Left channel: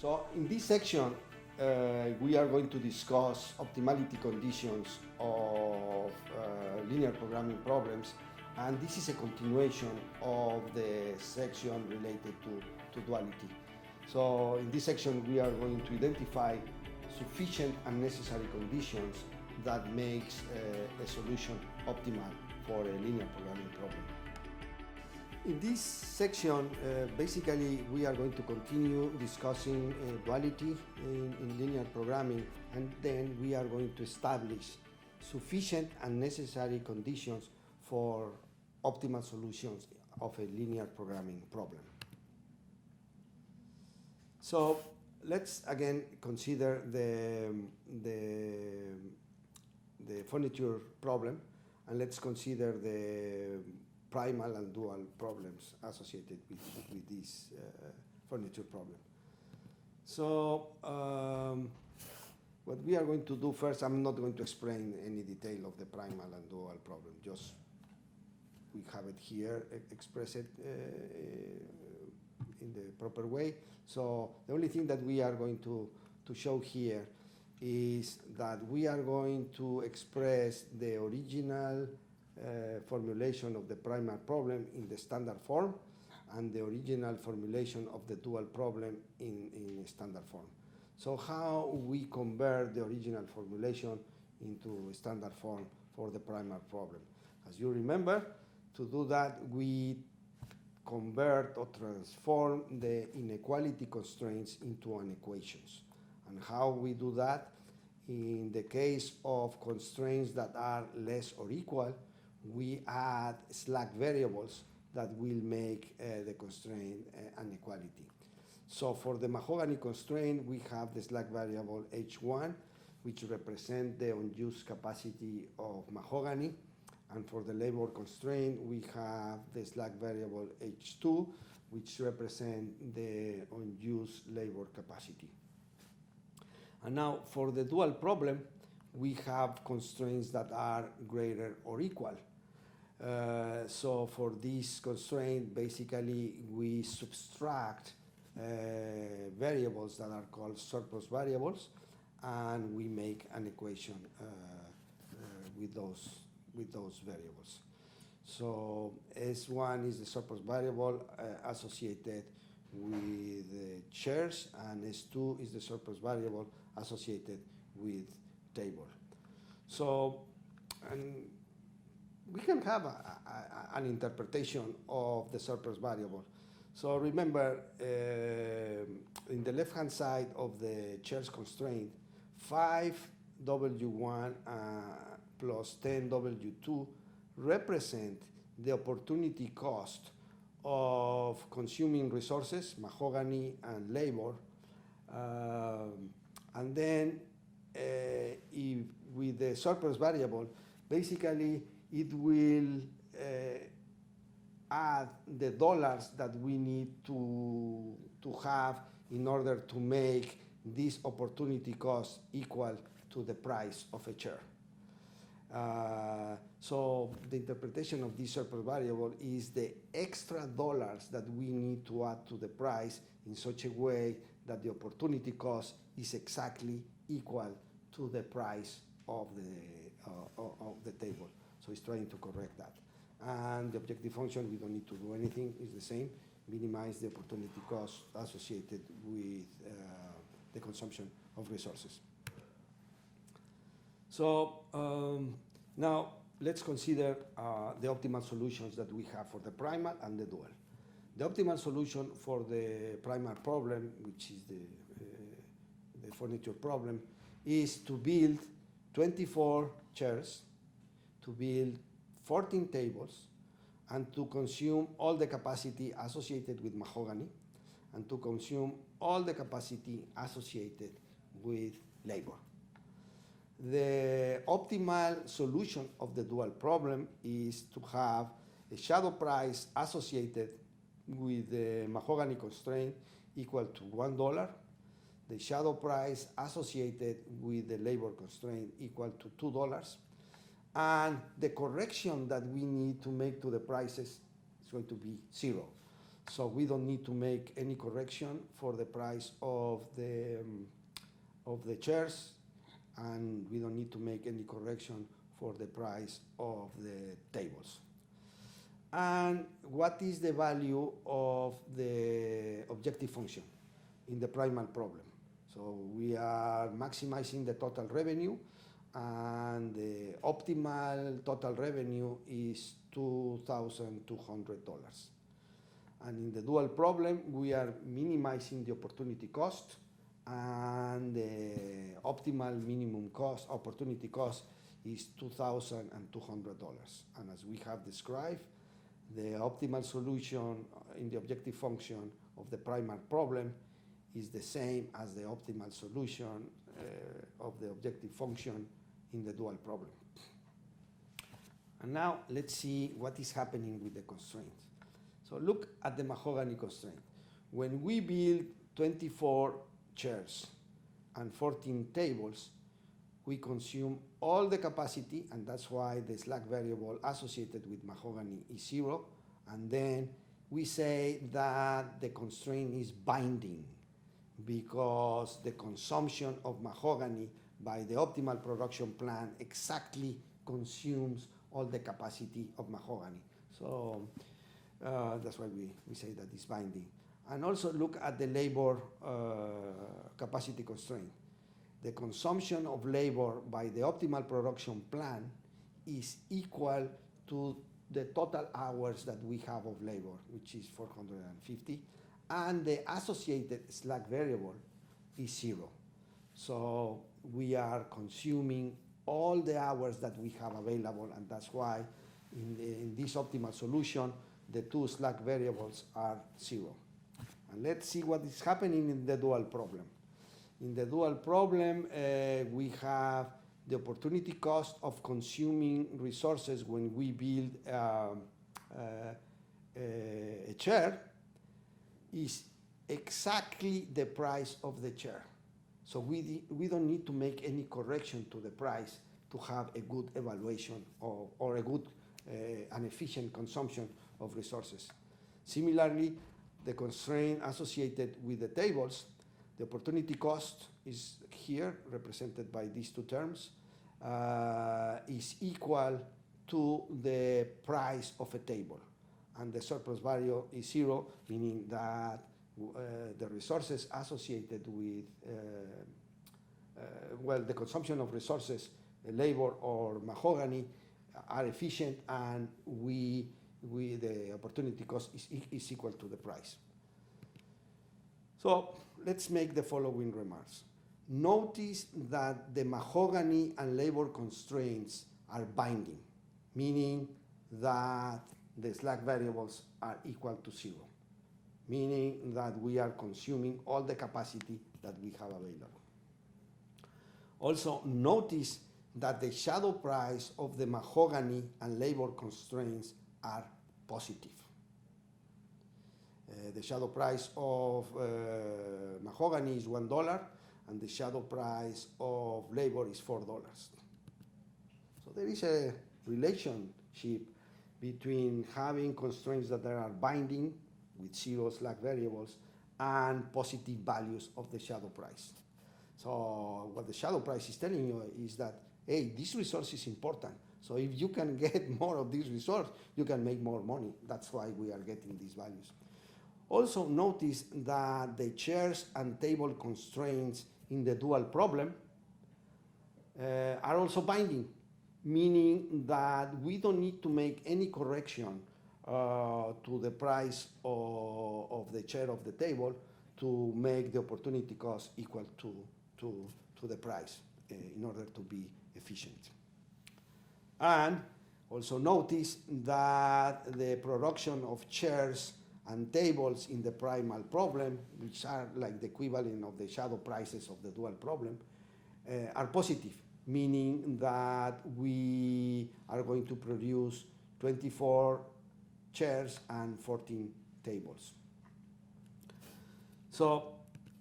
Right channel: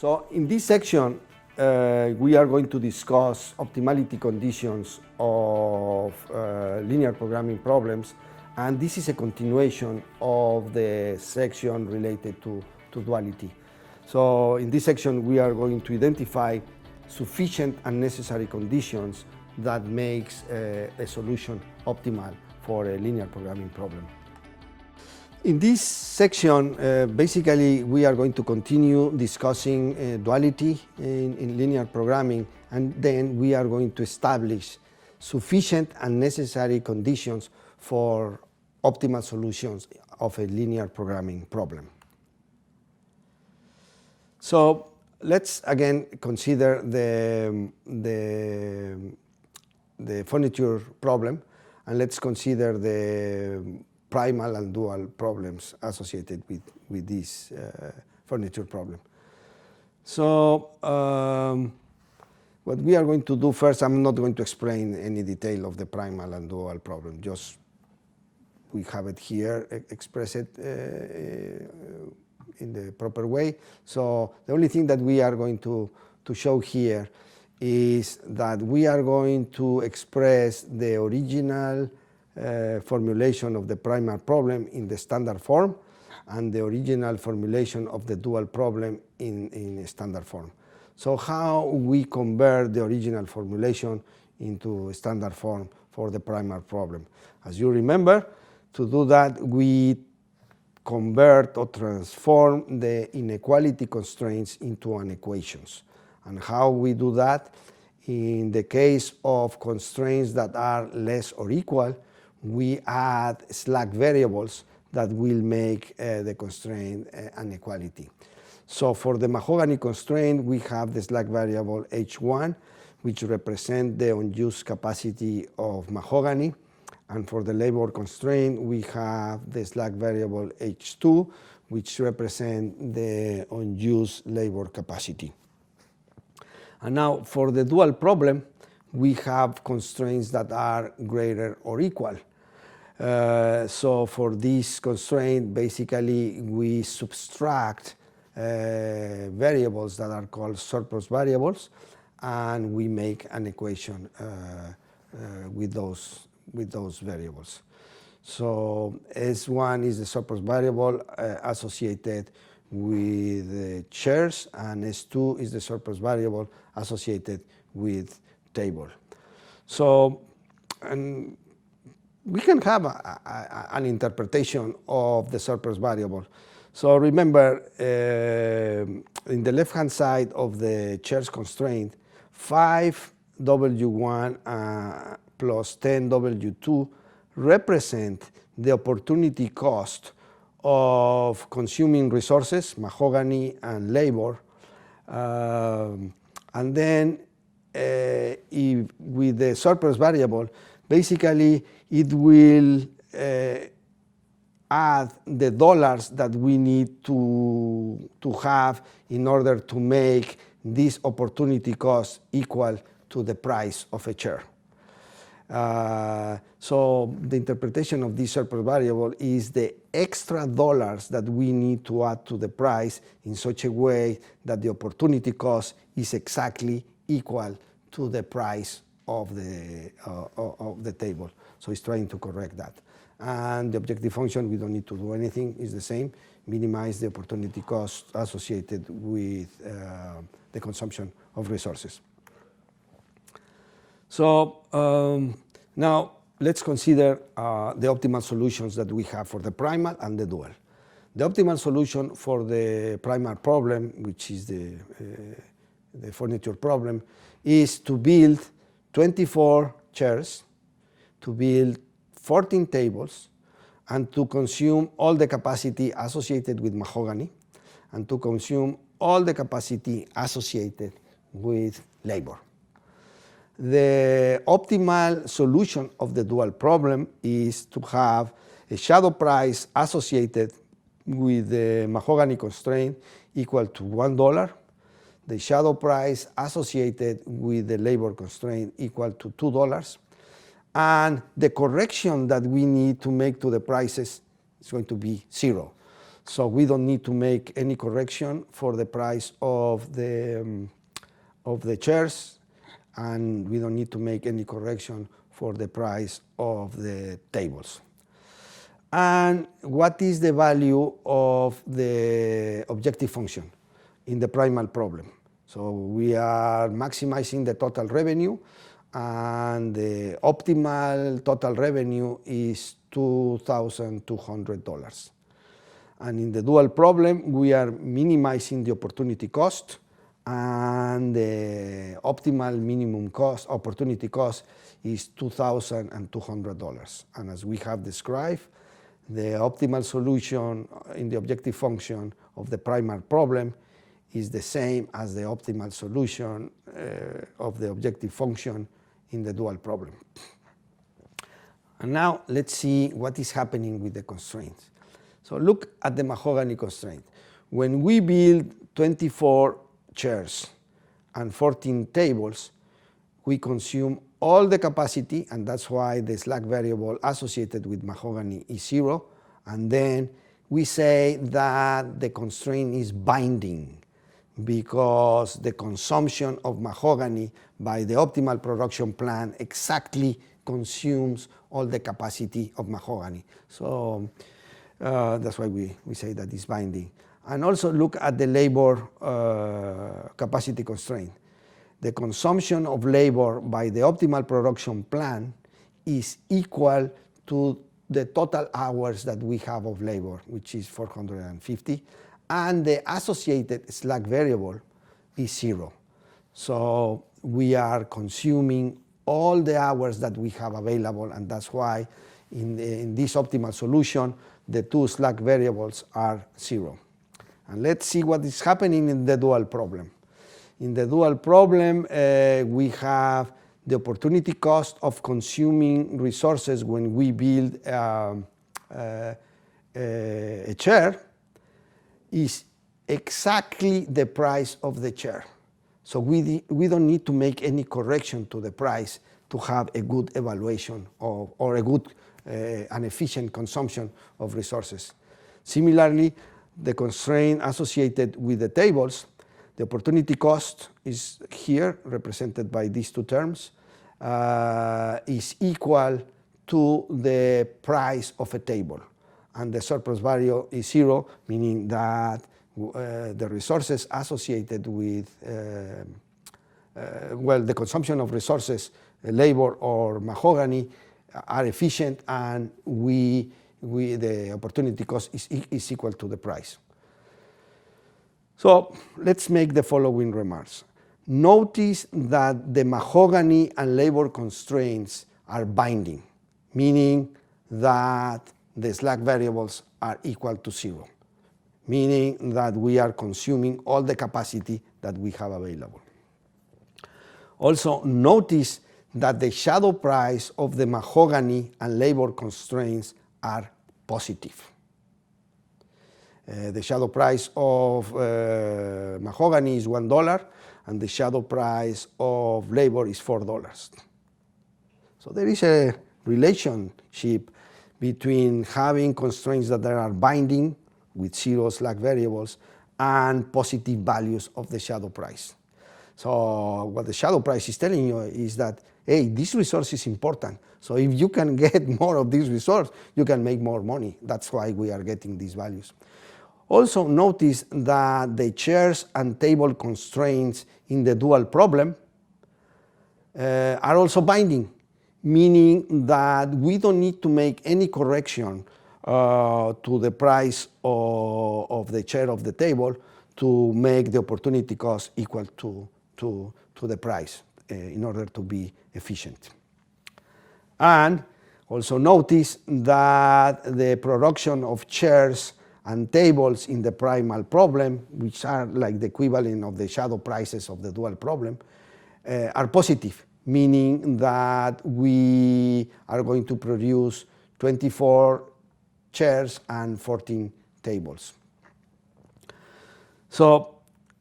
So in this section, we are going to discuss optimality conditions of linear programming problems, and this is a continuation of the section related to duality. So in this section, we are going to identify sufficient and necessary conditions that makes a solution optimal for a linear programming problem. In this section, basically, we are going to continue discussing duality in linear programming, and then we are going to establish sufficient and necessary conditions for optimal solutions of a linear programming problem. So let's again consider the furniture problem, and let's consider the primal and dual problems associated with this furniture problem. So what we are going to do first, I'm not going to explain any detail of the primal and dual problem, just we have it here, express it in the proper way. So the only thing that we are going to show here is that we are going to express the original formulation of the primal problem in the standard form and the original formulation of the dual problem in standard form. So how we convert the original formulation into standard form for the primal problem? As you remember, to do that we convert or transform the inequality constraints into an equations. And how we do that? In the case of constraints that are less or equal, we add slack variables that will make the constraint an equality. So for the Mahogany constraint, we have the slack variable H1, which represents the unused capacity of Mahogany. And for the labor constraint, we have the slack variable H2, which represents the unused labor capacity. And now for the dual problem, we have constraints that are greater or equal. So for this constraint, basically we subtract variables that are called surplus variables, and we make an equation with those variables. So S1 is the surplus variable associated with the chairs, and S2 is the surplus variable associated with table. So, and we can have an interpretation of the surplus variable. So remember, in the left-hand side of the chairs constraint, 5W1 plus 10W2 represent the opportunity cost of consuming resources, Mahogany and labor, and then with the surplus variable, basically it will add the dollars that we need to have in order to make this opportunity cost equal to the price of a chair. So the interpretation of this surplus variable is the extra dollars that we need to add to the price in such a way that the opportunity cost is exactly equal to the price of the table. So it's trying to correct that. And the objective function, we don't need to do anything, is the same. Minimize the opportunity cost associated with the consumption of resources. So now let's consider the optimal solutions that we have for the primal and the dual. The optimal solution for the primal problem, which is the furniture problem, is to build 24 chairs, to build 14 tables, and to consume all the capacity associated with Mahogany, and to consume all the capacity associated with labor. The optimal solution of the dual problem is to have a shadow price associated with the Mahogany constraint equal to $1, the shadow price associated with the labor constraint equal to $2, and the correction that we need to make to the prices is going to be 0. So we don't need to make any correction for the price of the chairs, and we don't need to make any correction for the price of the tables. And what is the value of the objective function in the primal problem? So we are maximizing the total revenue, and the optimal total revenue is $2,200. And in the dual problem, we are minimizing the opportunity cost, and the optimal minimum cost, opportunity cost, is $2,200. And as we have described, the optimal solution in the objective function of the primal problem is the same as the optimal solution of the objective function in the dual problem. And now let's see what is happening with the constraints. So look at the Mahogany Constraint. When we build 24 chairs and 14 tables, we consume all the capacity, and that's why the slack variable associated with Mahogany is 0. And then we say that the constraint is binding because the consumption of Mahogany by the optimal production plan exactly consumes all the capacity of Mahogany. So that's why we say that it's binding. And also look at the labor capacity constraint. The consumption of labor by the optimal production plan is equal to the total hours that we have of labor, which is 450, and the associated slack variable is 0. So we are consuming all the hours that we have available, and that's why in this optimal solution, the two slack variables are 0. And let's see what is happening in the dual problem. In the dual problem, we have the opportunity cost of consuming resources when we build a chair is exactly the price of the chair. So we don't need to make any correction to the price to have a good evaluation or a good and efficient consumption of resources. Similarly, the constraint associated with the tables, the opportunity cost is here, represented by these two terms, is equal to the price of a table. And the surplus value is 0, meaning that the resources associated with, the consumption of resources, labor or Mahogany, are efficient, and the opportunity cost is equal to the price. So let's make the following remarks. Notice that the Mahogany and labor constraints are binding, meaning that the slack variables are equal to 0, meaning that we are consuming all the capacity that we have available. Also, notice that the shadow price of the Mahogany and labor constraints are positive. The shadow price of Mahogany is $1, and the shadow price of labor is $4. So there is a relationship between having constraints that are binding with 0 slack variables and positive values of the shadow price. So what the shadow price is telling you is that, hey, this resource is important. So if you can get more of this resource, you can make more money. That's why we are getting these values. Also notice that the chairs and table constraints in the dual problem are also binding, meaning that we don't need to make any correction to the price of the chair of the table to make the opportunity cost equal to the price in order to be efficient. And also notice that the production of chairs and tables in the primal problem, which are like the equivalent of the shadow prices of the dual problem, are positive, meaning that we are going to produce 24 chairs and 14 tables. So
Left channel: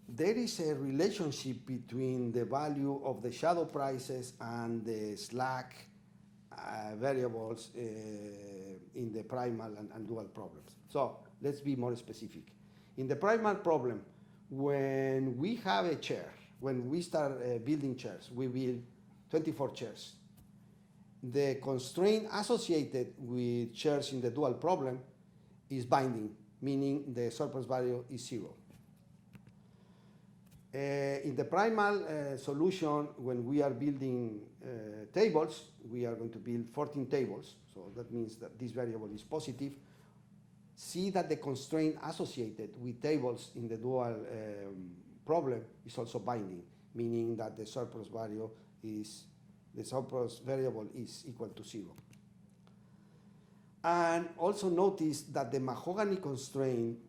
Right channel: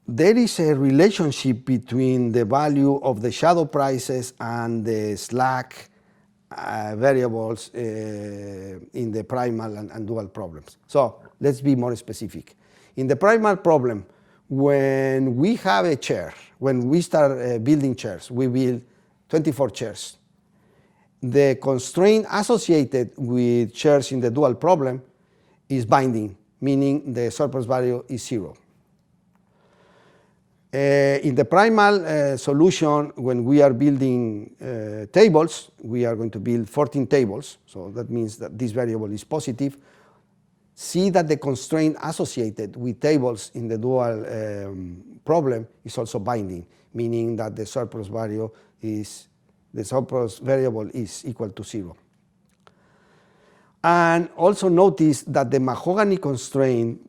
there is a relationship between the value of the shadow prices and the slack variables in the primal and dual problems. So let's be more specific. In the primal problem, when we have a chair, when we start building chairs, we build 24 chairs. The constraint associated with chairs in the dual problem is binding, meaning the surplus value is 0. In the primal solution, when we are building tables, we are going to build 14 tables, so that means that this variable is positive. See that the constraint associated with tables in the dual problem is also binding, meaning that the surplus variable is equal to 0. And also notice that the Mahogany constraint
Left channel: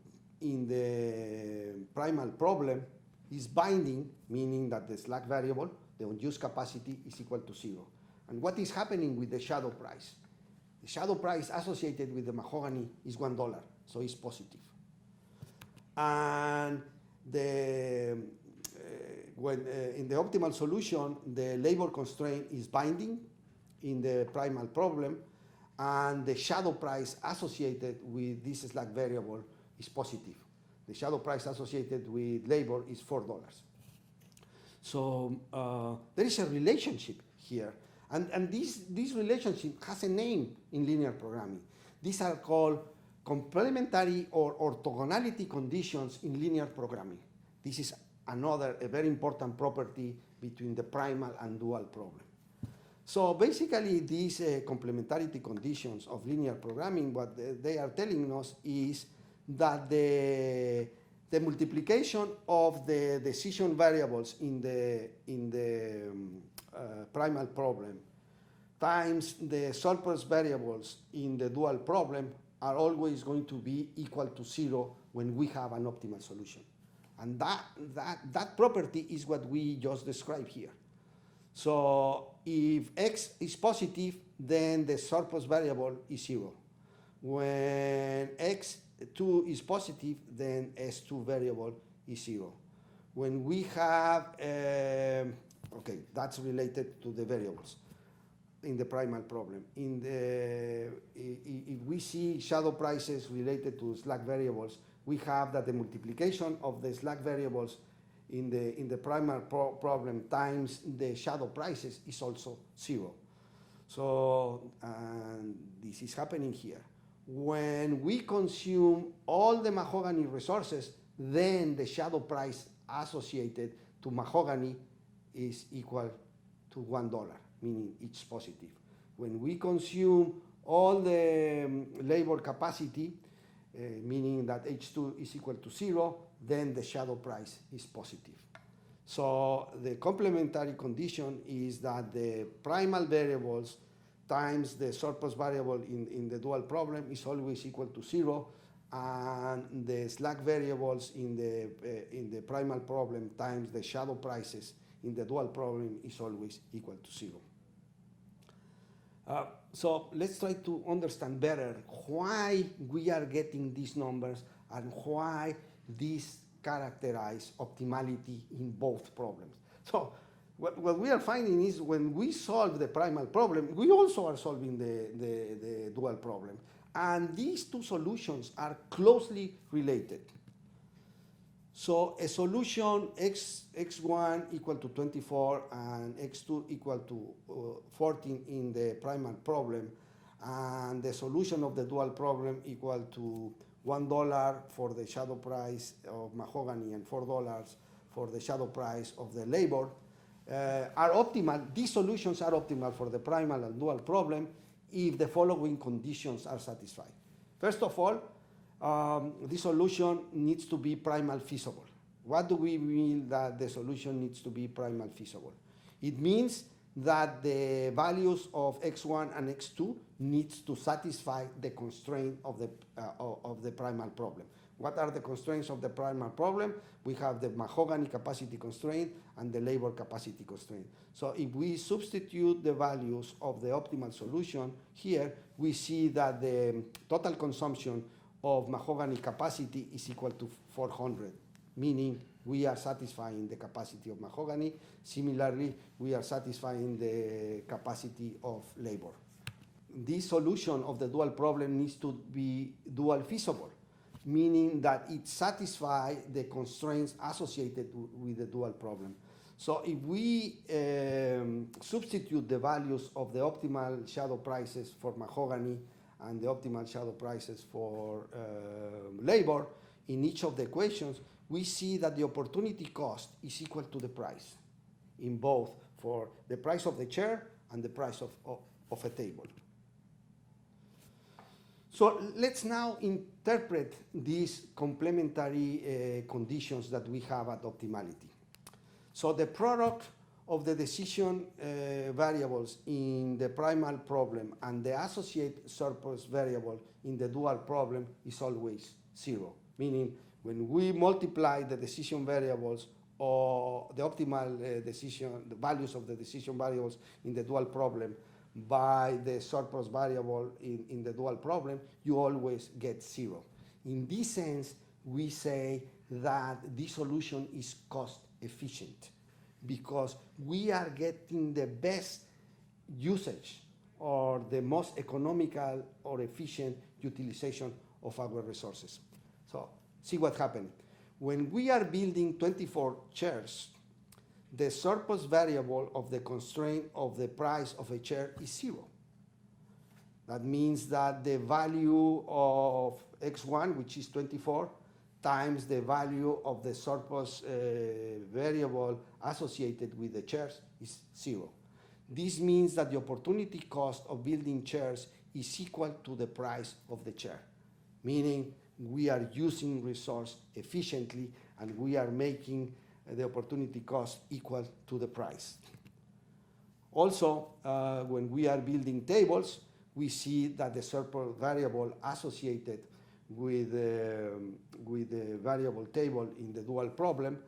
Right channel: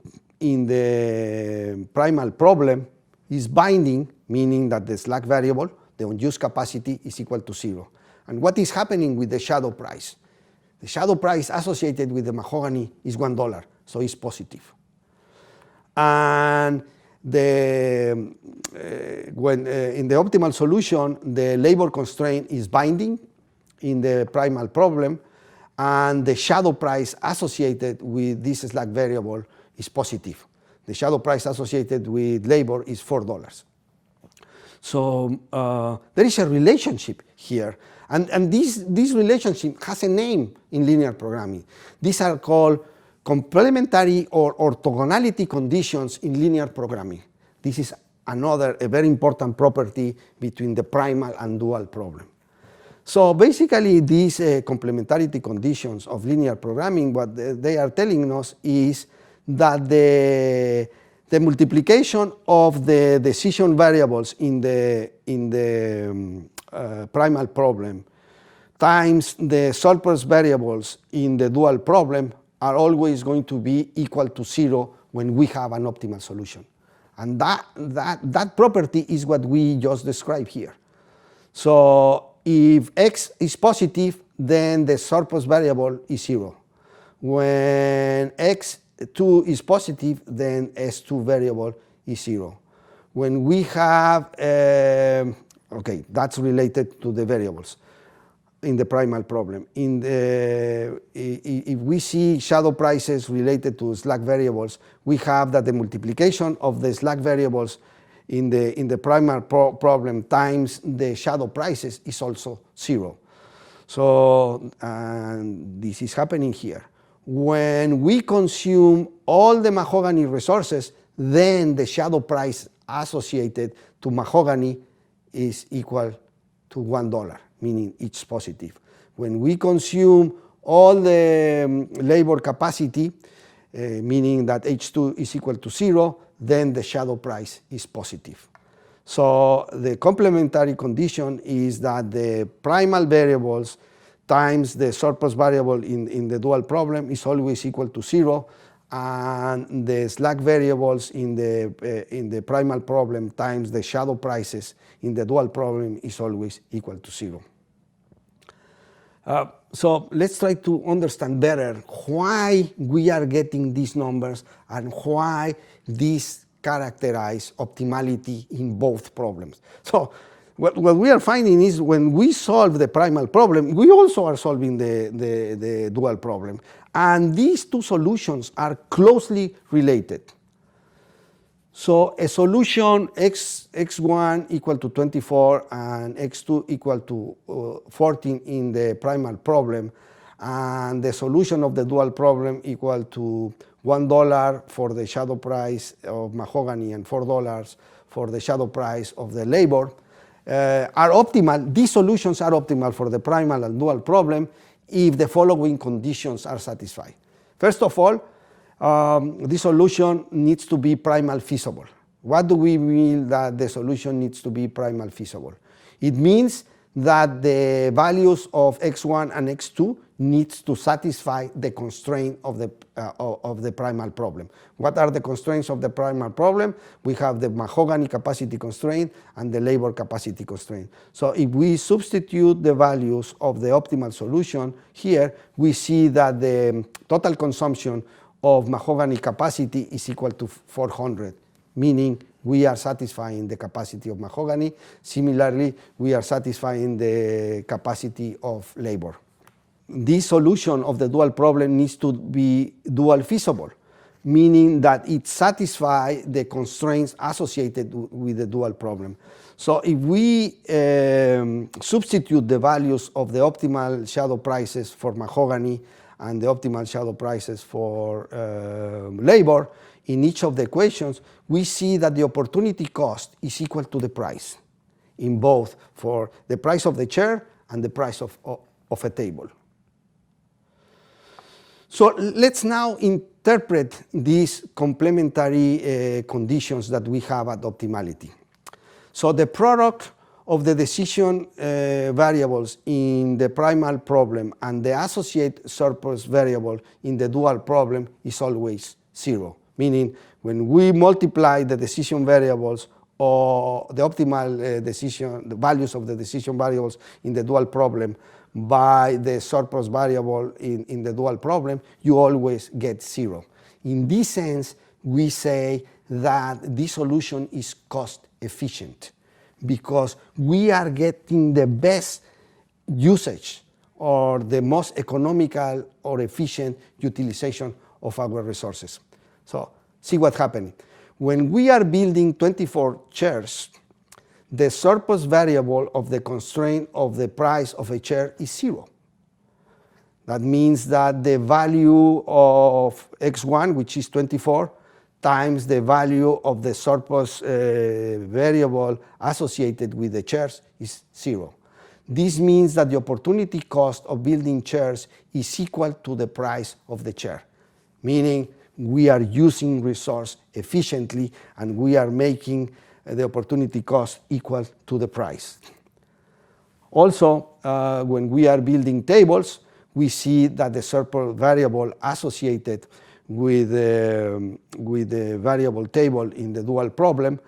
in the primal problem is binding, meaning that the slack variable, the unused capacity, is equal to 0. And what is happening with the shadow price? The shadow price associated with the Mahogany is $1, so it's positive. And in the optimal solution, the labor constraint is binding in the primal problem, and the shadow price associated with this slack variable is positive. The shadow price associated with labor is $4. So there is a relationship here. And this relationship has a name in linear programming. These are called complementary or orthogonality conditions in linear programming. This is a very important property between the primal and dual problem. So basically, these complementarity conditions of linear programming, what they are telling us is that the multiplication of the decision variables in the primal problem times the surplus variables in the dual problem are always going to be equal to 0 when we have an optimal solution. And that property is what we just described here. So if x is positive, then the surplus variable is 0. When x2 is positive, then s2 variable is 0. When we have, okay, that's related to the variables in the primal problem. If we see shadow prices related to slack variables, we have that the multiplication of the slack variables in the primal problem times the shadow prices is also 0. So this is happening here. When we consume all the Mahogany resources, then the shadow price associated to Mahogany is equal to $1, meaning it's positive. When we consume all the labor capacity, meaning that H2 is equal to 0, then the shadow price is positive. So the complementary condition is that the primal variables times the surplus variable in the dual problem is always equal to 0, and the slack variables in the primal problem times the shadow prices in the dual problem is always equal to 0. So let's try to understand better why we are getting these numbers and why these characterize optimality in both problems. So what we are finding is when we solve the primal problem, we also are solving the dual problem. And these two solutions are closely related. So a solution x1 equal to 24 and x2 equal to 14 in the primal problem, and the solution of the dual problem equal to $1 for the shadow price of Mahogany and $4 for the shadow price of the labor, are optimal. These solutions are optimal for the primal and dual problem if the following conditions are satisfied. First of all, this solution needs to be primal feasible. What do we mean that the solution needs to be primal feasible? It means that the values of x1 and x2 needs to satisfy the constraint of the primal problem. What are the constraints of the primal problem? We have the Mahogany capacity constraint and the labor capacity constraint. So if we substitute the values of the optimal solution here, we see that the total consumption of Mahogany capacity is equal to 400, meaning we are satisfying the capacity of Mahogany. Similarly, we are satisfying the capacity of labor. this solution of the dual problem needs to be dual feasible, meaning that it satisfies the constraints associated with the dual problem. So if we substitute the values of the optimal shadow prices for mahogany and the optimal shadow prices for labor in each of the equations, we see that the opportunity cost is equal to the price in both, for the price of the chair and the price of a table. So let's now interpret these complementary conditions that we have at optimality. So the product of the decision variables in the primal problem and the associated surplus variable in the dual problem is always 0, meaning when we multiply the decision variables or the optimal the values of the decision variables in the dual problem by the surplus variable in the dual problem, you always get 0. In this sense, we say that this solution is cost efficient because we are getting the best usage or the most economical or efficient utilization of our resources. So see what's happening. When we are building 24 chairs, the surplus variable of the constraint of the price of a chair is 0. That means that the value of x1, which is 24, times the value of the surplus variable associated with the chairs is 0. This means that the opportunity cost of building chairs is equal to the price of the chair, meaning we are using resource efficiently and we are making the opportunity cost equal to the price. Also, when we are building tables, we see that the surplus variable associated with the variable table in the dual problem,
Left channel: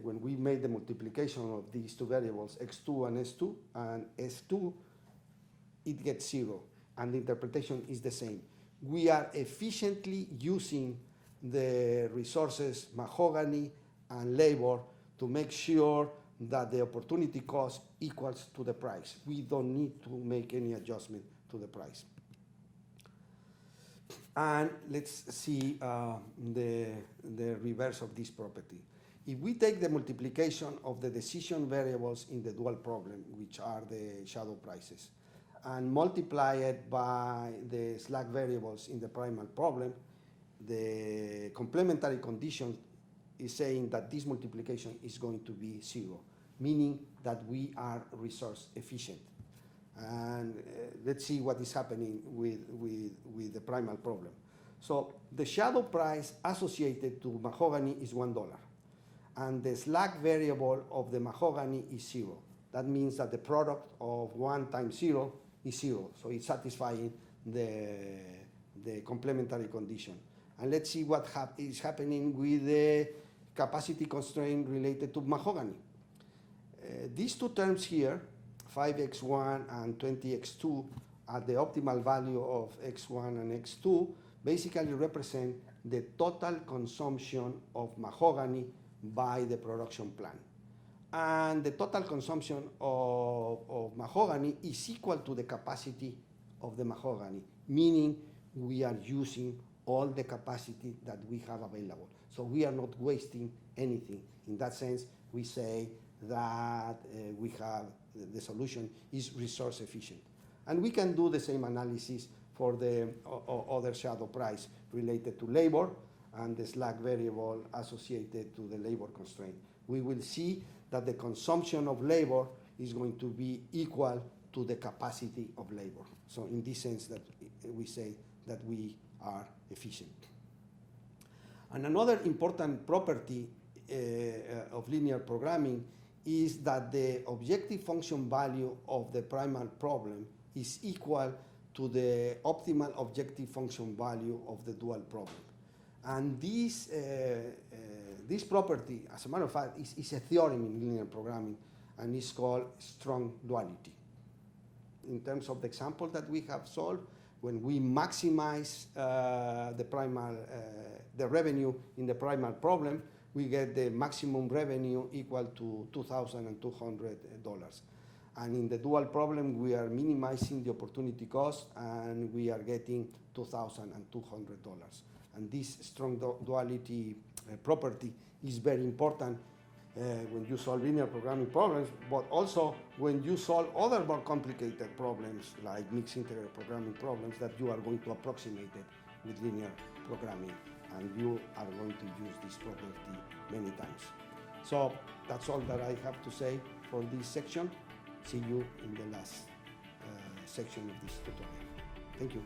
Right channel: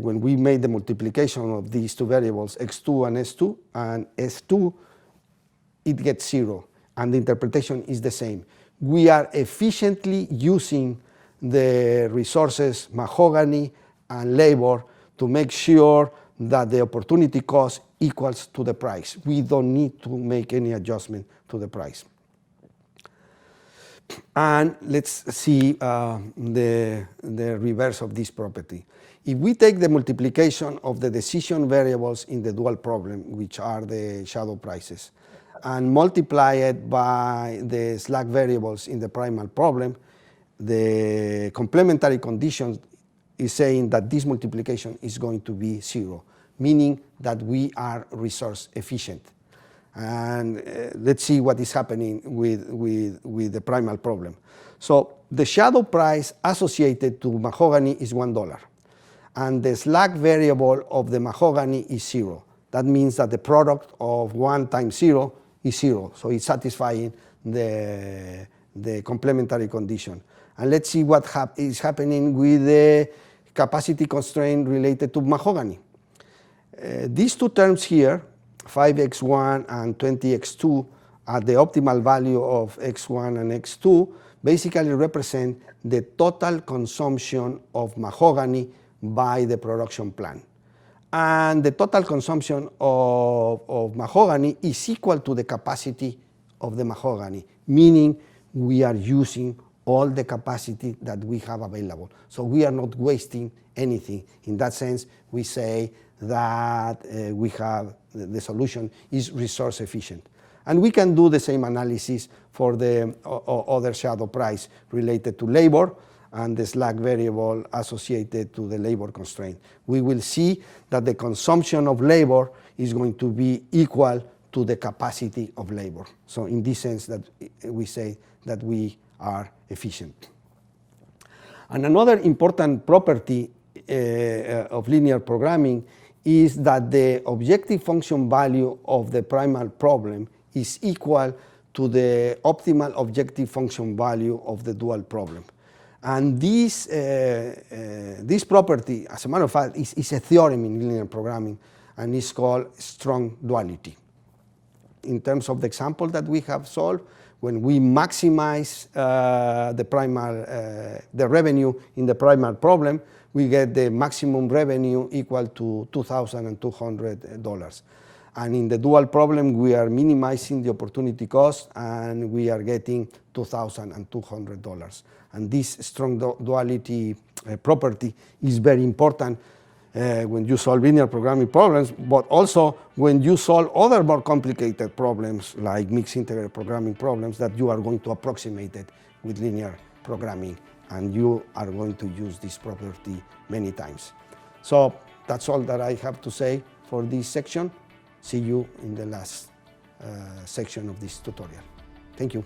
when we made the multiplication of these two variables, x2 and s2, it gets 0, and the interpretation is the same. We are efficiently using the resources mahogany and labor to make sure that the opportunity cost equals to the price. We don't need to make any adjustment to the price. And let's see the reverse of this property. If we take the multiplication of the decision variables in the dual problem, which are the shadow prices, and multiply it by the slack variables in the primal problem, the complementary conditions is saying that this multiplication is going to be 0, meaning that we are resource efficient. And let's see what is happening with the primal problem. So the shadow price associated to mahogany is $1, and the slack variable of the mahogany is 0. That means that the product of 1 times 0 is 0, so it's satisfying the complementary condition. And let's see what is happening with the capacity constraint related to mahogany. These two terms here, 5x1 and 20x2, at the optimal value of x1 and x2, basically represent the total consumption of mahogany by the production plant. And the total consumption of mahogany is equal to the capacity of the mahogany, meaning we are using all the capacity that we have available. So we are not wasting anything. In that sense, we say that the solution is resource efficient. And we can do the same analysis for the other shadow price related to labor and the slack variable associated to the labor constraint. We will see that the consumption of labor is going to be equal to the capacity of labor. So in this sense, that we say that we are efficient. And another important property of linear programming is that the objective function value of the primal problem is equal to the optimal objective function value of the dual problem. And this property, as a matter of fact, is a theorem in linear programming, and is called strong duality. In terms of the example that we have solved, when we maximize the revenue in the primal problem, we get the maximum revenue equal to $2,200. And in the dual problem, we are minimizing the opportunity cost, and we are getting $2,200. And this strong duality property is very important when you solve linear programming problems, but also when you solve other more complicated problems like mixed integer programming problems that you are going to approximate it with linear programming, and you are going to use this property many times. So that's all that I have to say for this section. See you in the last section of this tutorial. Thank you.